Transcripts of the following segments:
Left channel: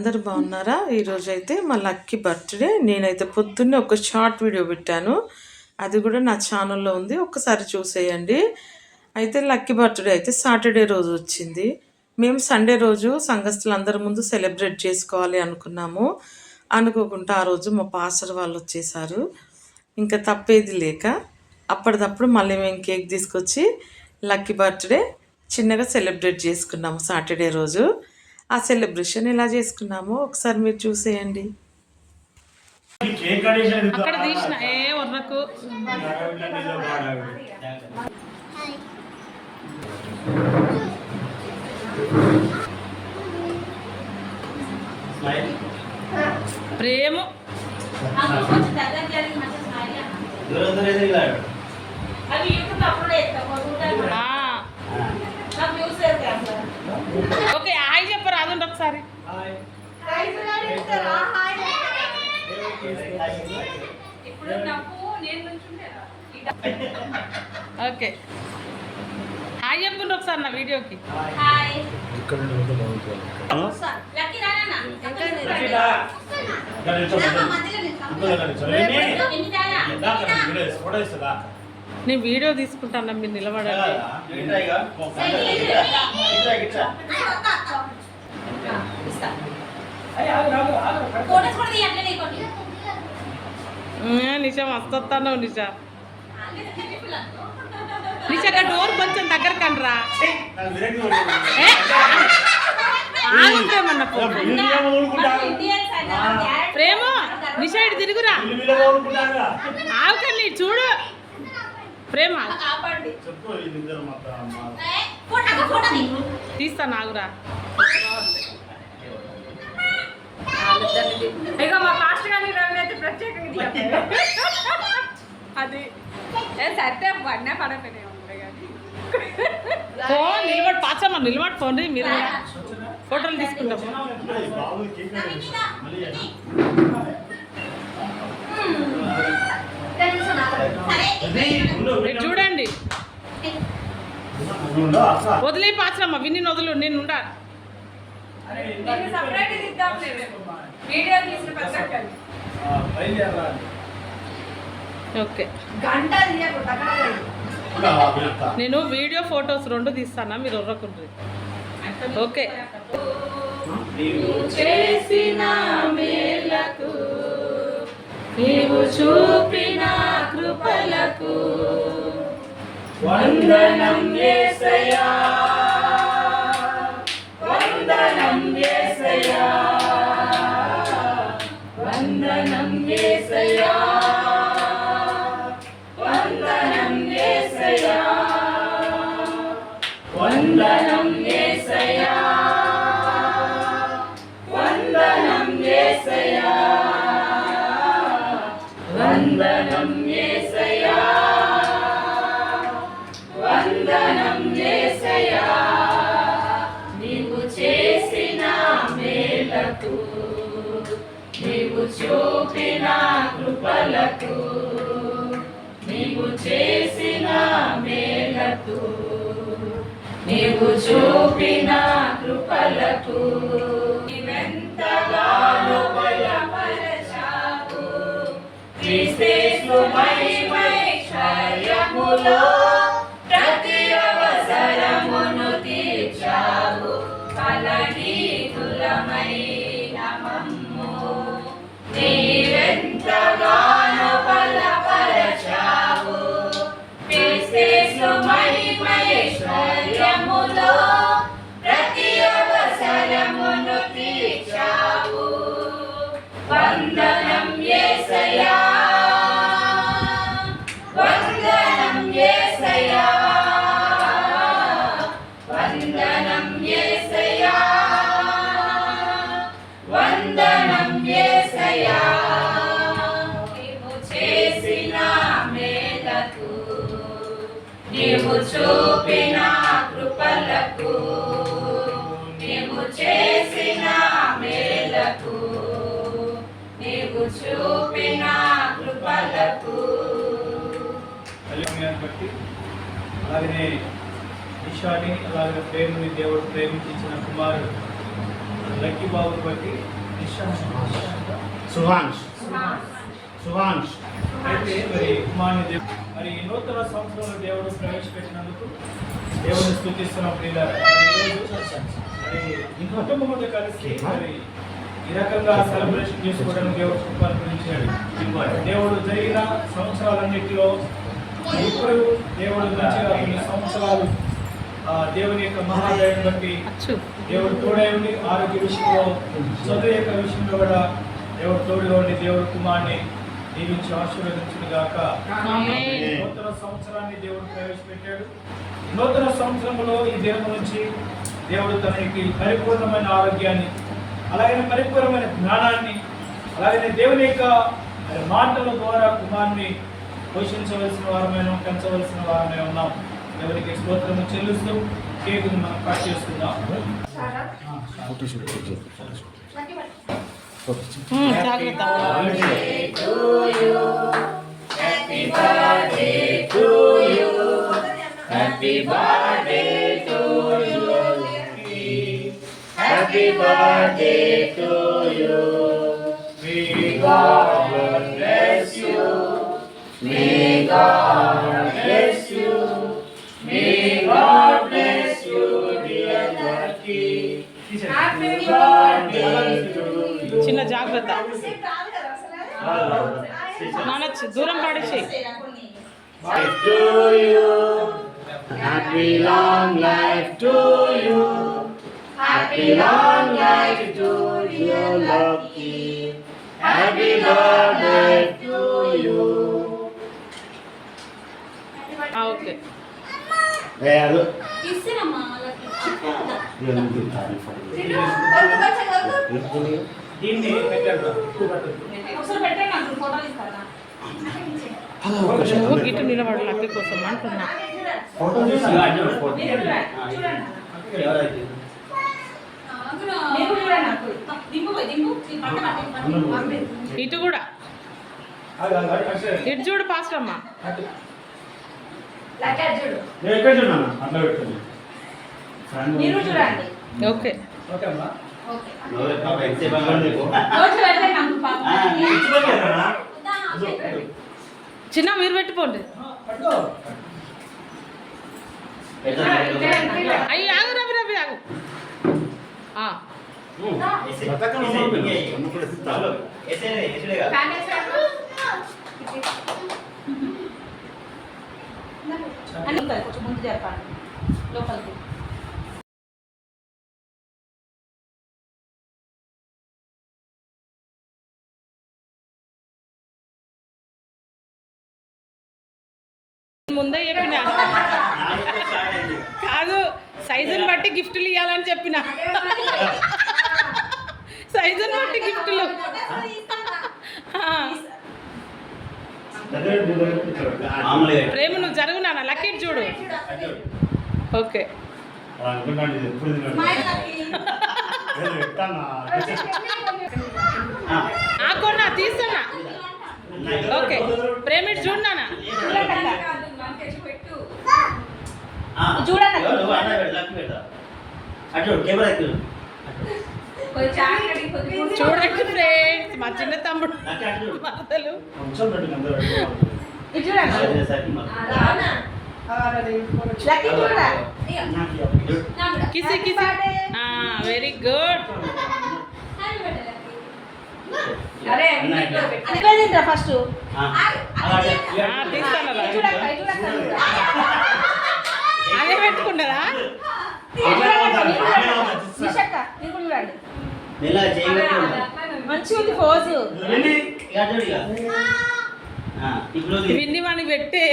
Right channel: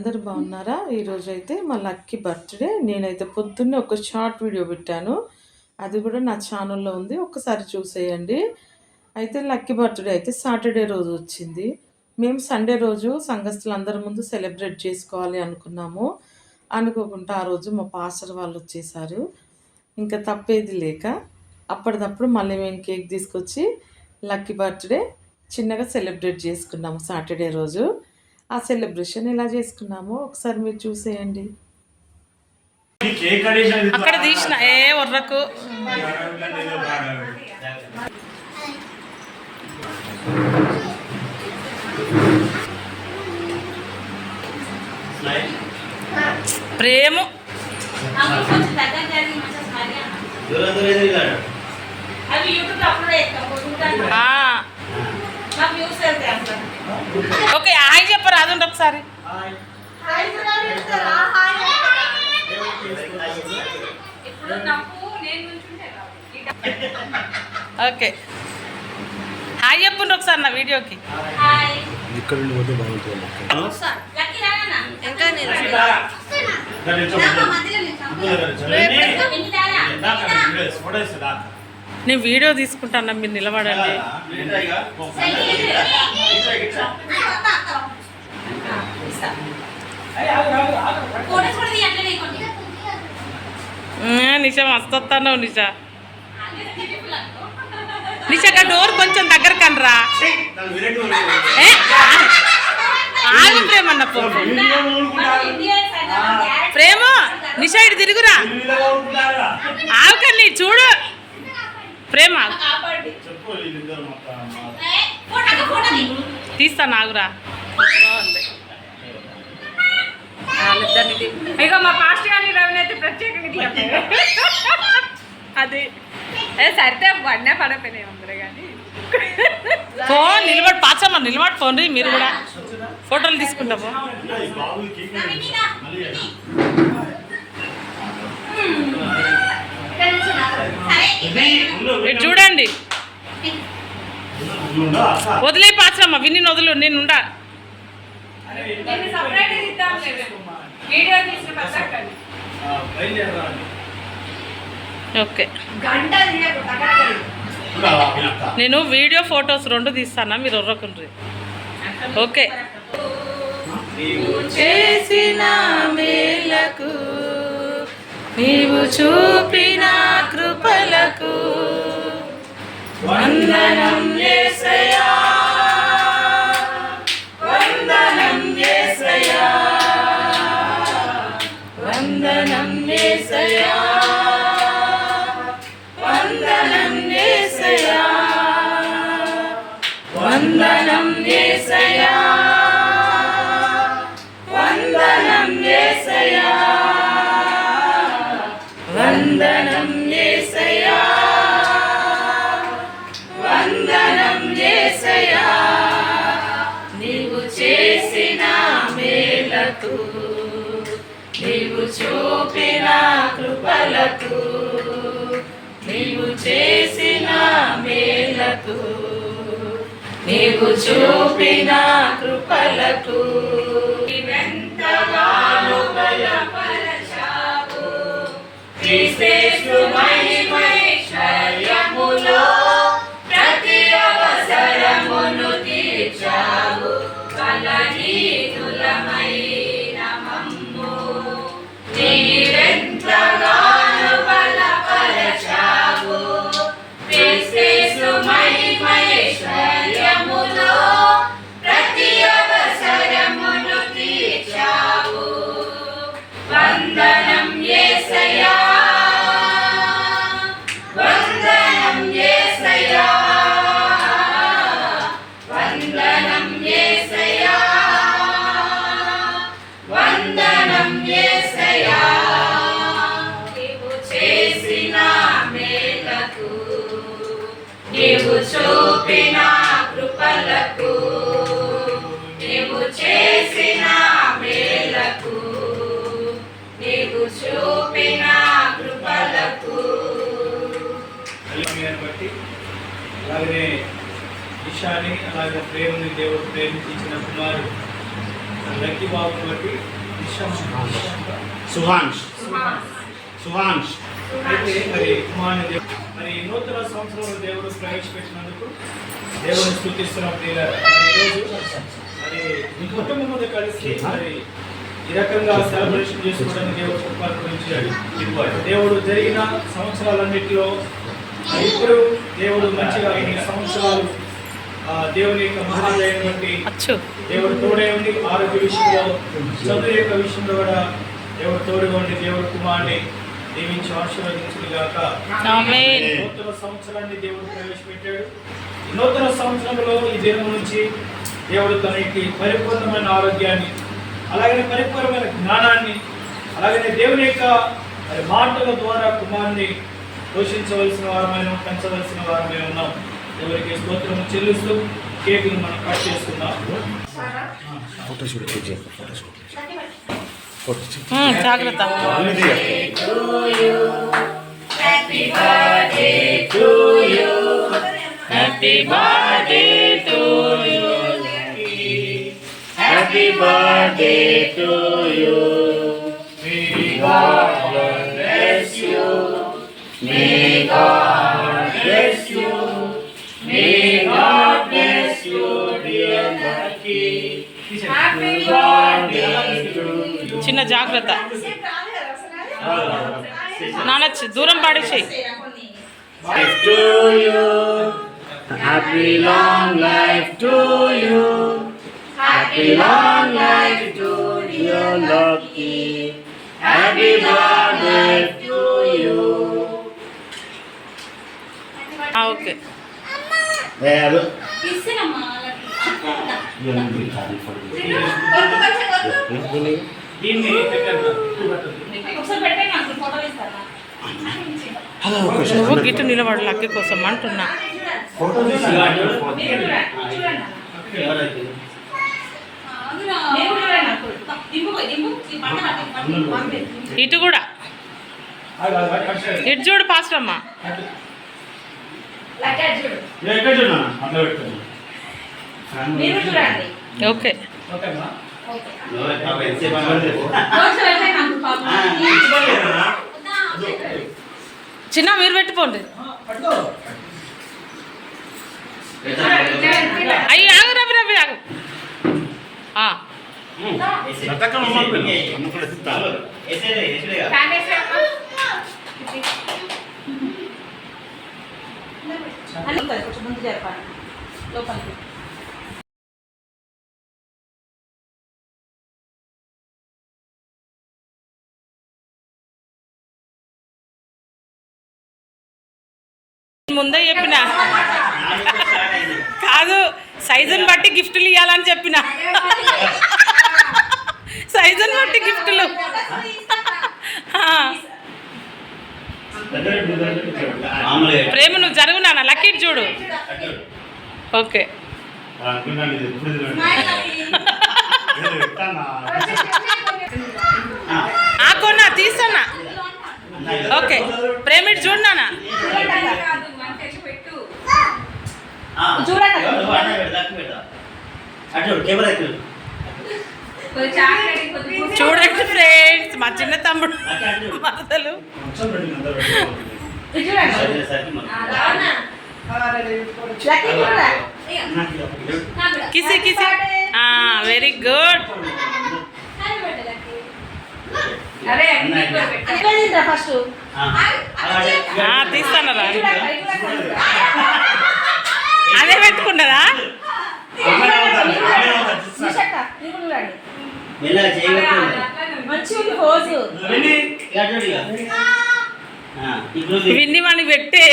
అందరు బాగున్నారా? ఈరోజు అయితే మా లక్కీ బర్త్డే. నేనైతే పొద్దున్నే ఒక షార్ట్ వీడియో పెట్టాను. అది కూడా నా ఛానల్లో ఉంది. ఒకసారి చూసేయండి. అయితే లక్కీ బర్త్డే అయితే సాటర్డే రోజు వచ్చింది. మేము సండే రోజు సంఘస్థులు అందరి ముందు సెలబ్రేట్ చేసుకోవాలి అనుకున్నాము. అనుకోకుండా ఆ రోజు మా పాస్టర్ వాళ్ళు వచ్చేసారు. ఇంకా తప్పేది లేక అప్పటిదప్పుడు మళ్ళీ మేము కేక్ తీసుకొచ్చి లక్కీ బర్త్డే చిన్నగా సెలబ్రేట్ చేసుకున్నాము సాటర్డే రోజు. ఆ సెలబ్రేషన్ ఎలా చేసుకున్నామో ఒకసారి మీరు చూసేయండి. అక్కడ తీసిన ఏ వర్రకు ప్రేమ. దూరం దూరం ఎదిగాడు ఆ, ఓకే హాయ్ చెప్పరు అదండి ఒకసారి. ఓకే. హాయ్ చెప్పండి ఒకసారి నా వీడియోకి. ఫోటో ఇస్తుందా నేను వీడియో తీసుకుంటాను మీరు నిలబడండి. నిషా మస్తు వస్తాను నిషా నిషా డోర్ కొంచెం దగ్గర కనరా ఏ, ఆగు. ప్రేమన్న పో. ప్రేమ నిషా ఇటు తిరుగురా. ఆవుకని చూడు. ప్రేమ. తీస్తా నాగురా. అది. కానీ. ఫోన్ నిలబడి పాచమ్మ నిలబడి ఫోన్ రీ మీరు కూడా. ఫోటోలు తీసుకుంటాము. ఇటు చూడండి. వదిలే పాచమ్మ విని వదులు నేను ఉండా. నేను వీడియో ఓకే. నేను ఫొటోస్ రెండు తీస్తానా? మీరు ఉర్రకుండ్రి ఓకే. చేసిన మేలకు నీవు చూపిన కృపలకు వందనం ఏసయా వందనం ఏసయా వందనం ఏసయా నీవు చూపిన కృపలకు నీవు చేసిన మేలకు నీవు చూపిన కృపలకు నీవెంతగానో బలపరచావు. క్రీస్తు మహిమైశ్వర్యములో ప్రతి నీవు చూపిన కృపలకు నీవు చేసిన మేలకు నీవు చూపిన కృపలకు. బట్టి అలాగనే ఈశాని అలాగే ప్రేమని దేవుడు ప్రేమించి ఇచ్చిన కుమారుడు లక్కీ బాబు బట్టి ఇష్టం సుహాంష్ సుహాంష్ అయితే మరి కుమారుని దేవు- మరి నూతన సంవత్సరంలో దేవుడు ప్రవేశపెట్టినందుకు దేవుని స్థుతిస్తున్న ప్రియులారా. మరి మీ కుటుంబం మీద కలిసి మరి ఈ రకంగా సెలబ్రేషన్ చేసుకోవడానికి దేవుడు కృపను గురించాడు దేవుడు జరిగిన సంవత్సరాలన్నిటిలో ఇప్పుడు దేవుడు మంచిగా ఈ సంవత్సరాలు దేవుని యొక్క మహాదయాన్ని బట్టి దేవుడు తోడై ఉండి ఆరోగ్య విషయంలో చదువు యొక్క విషయంలో కూడా దేవుడు తోడుగా ఉండి దేవుడు కుమార్ని దీవించి ఆశీర్వదించిన గాక. ఆమేన్. నూతన సంవత్సరాన్ని దేవుడు ప్రవేశపెట్టాడు. నూతన సంవత్సరంలో ఈ దినం నుంచి దేవుడు తనకి పరిపూర్ణమైన ఆరోగ్యాన్ని అలాగే పరిపూర్ణమైన జ్ఞానాన్ని అలాగే దేవుని యొక్క మాటల ద్వారా కుమార్ని పోషించవలసిన వారమైన పెంచవలసిన వారమే ఉన్నాం. ఎవరికి స్తోత్రము చెల్లిస్తూ కేకుని మనం కట్ చేసుకుందాం. జాగ్రత్త happy birthday to you happy birthday to you చిన్న జాగ్రత్త నాన్న చి- దూరం పాడేసేయి to you. Happy long life to you. Happy long life to you, Lucky. Happy birthday to you. ఆ, okay Well, ఇస్తున్నామ్మా you will be happy for you. దీన్ని నువ్వు గిట్టు నిలబడు లక్కి కోసం అంటున్నా. ఇటు కూడా. ఇటు చూడు పాస్ట్ అమ్మా. లెక్క చూడు. నేను ఎక్కడ చూడన్నా అట్లా పెట్టుకున్నా మీరు చూడండి. ఓకే. ఓకే చిన్న మీరు పెట్టిపోండి పట్టుకో అయ్యి ఆగు రవి రవి ఆగు. లోపలికి. ముందే చెప్పిన. కాదు సైజుని బట్టి గిఫ్ట్లు ఇవ్వాలని చెప్పిన. సైజుని బట్టి గిఫ్ట్లు. ప్రేమ నువ్వు జరుగు నాన్న లక్కీ చూడు. ఓకే. ఆ కొన్నా తీస్తున్నా ఓకే. ప్రేమ చూడు నాన్న. చూడండి ఫ్రెండ్స్ మా చిన్న తమ్ముడు మరదలు. కిసి కిసి. వెరీ గుడ్ తీస్తానరా? అదే పోజు. విన్ని వాడిని పెట్టే.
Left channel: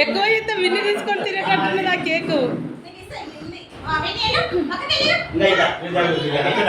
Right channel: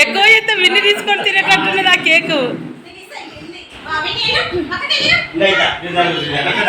ఎక్కువ అయితే విన్ని తీసుకొని తినేటట్టున్నది ఆ కేకు. అక్కడ.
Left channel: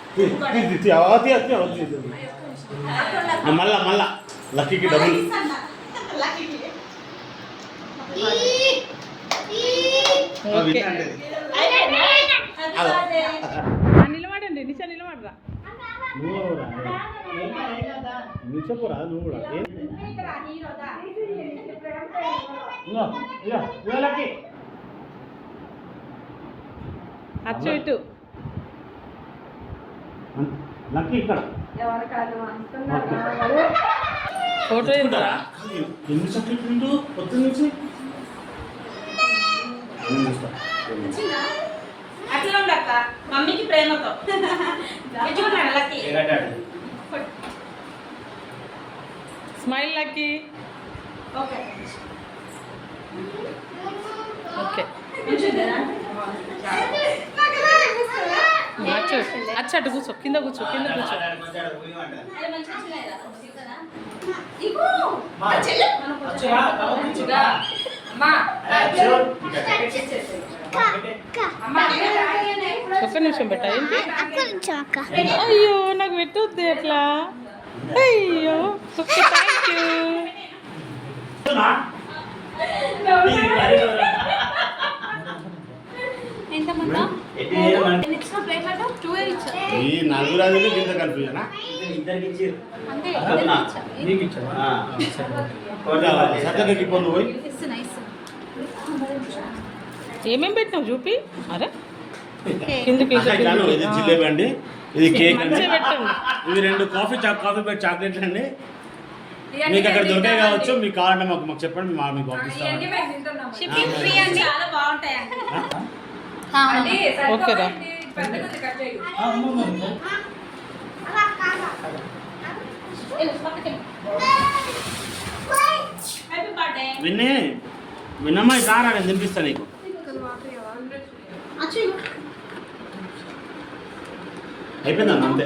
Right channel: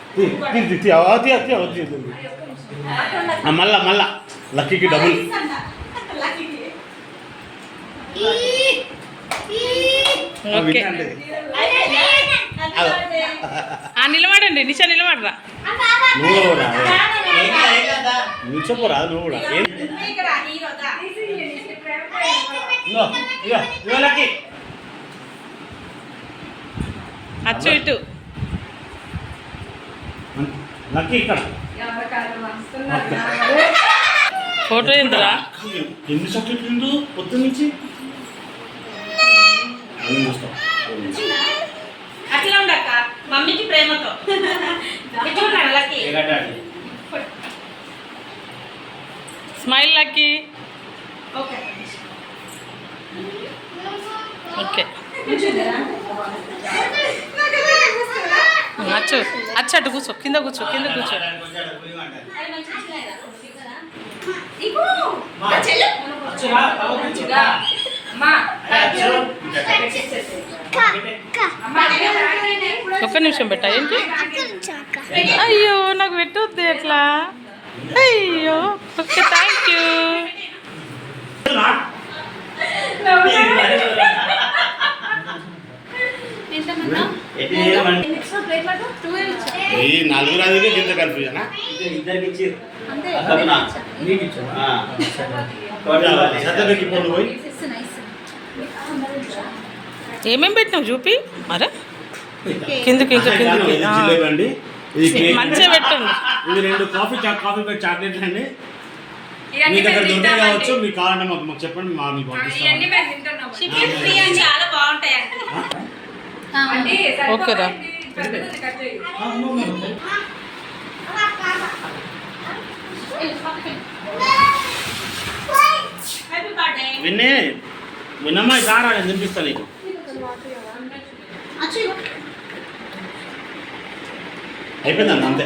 మళ్ళా మళ్ళా. లక్కీకి డబుల్ నిలబడండి. నిషా నిలబడరా. నువ్వు కూడా. నిల్చోపోరా నువ్వు కూడా అచ్చు ఇటు. లక్కీ ఇక్కడ ఫోటో ఎందురా ఎన్ని పొద్దున్న నుంచి. అట్లా ఉండక్క మమ్మీకి ప్రేమతో. Smile lucky. ఓకే. ఓకే. అచ్చు అచ్చు అటు కూర్చో కింద కూర్చో కింద కూర్చో. ఒక్క నిమిషం పెట్టా ఏంటి? అయ్యో నాకు పెట్టొద్దు ఎట్లా? అయ్యో ఓకే థ్యాంక్ యూ ఈ నలుగురు అందుకే గింత కన్ఫ్యూజన్ ఇద్దరికి ఇచ్చిర్రు. నీకు ఇచ్చావా? సర్టిఫికెట్ పొందు పోయి? ఏమేం పెట్టినావు చూపి అరే. కిందకి ఇంకా కిందకి. ఇది కేక్. మంచిగా పెట్టండి. ఇవి రెండు కాఫీ చా- కాఫీ బెడ్ చాక్లెట్లు అండి. మీ దగ్గర దొరికే కావచ్చు మీకు కావాలంటే మాకు మాకు చెప్పండి మా మీకు పంపిస్తాం. ఓకేరా విన్నీ విన్నమ్మా సారా నేను తినిపిస్తా నీకు. అయిపోయిందన్న అంతే?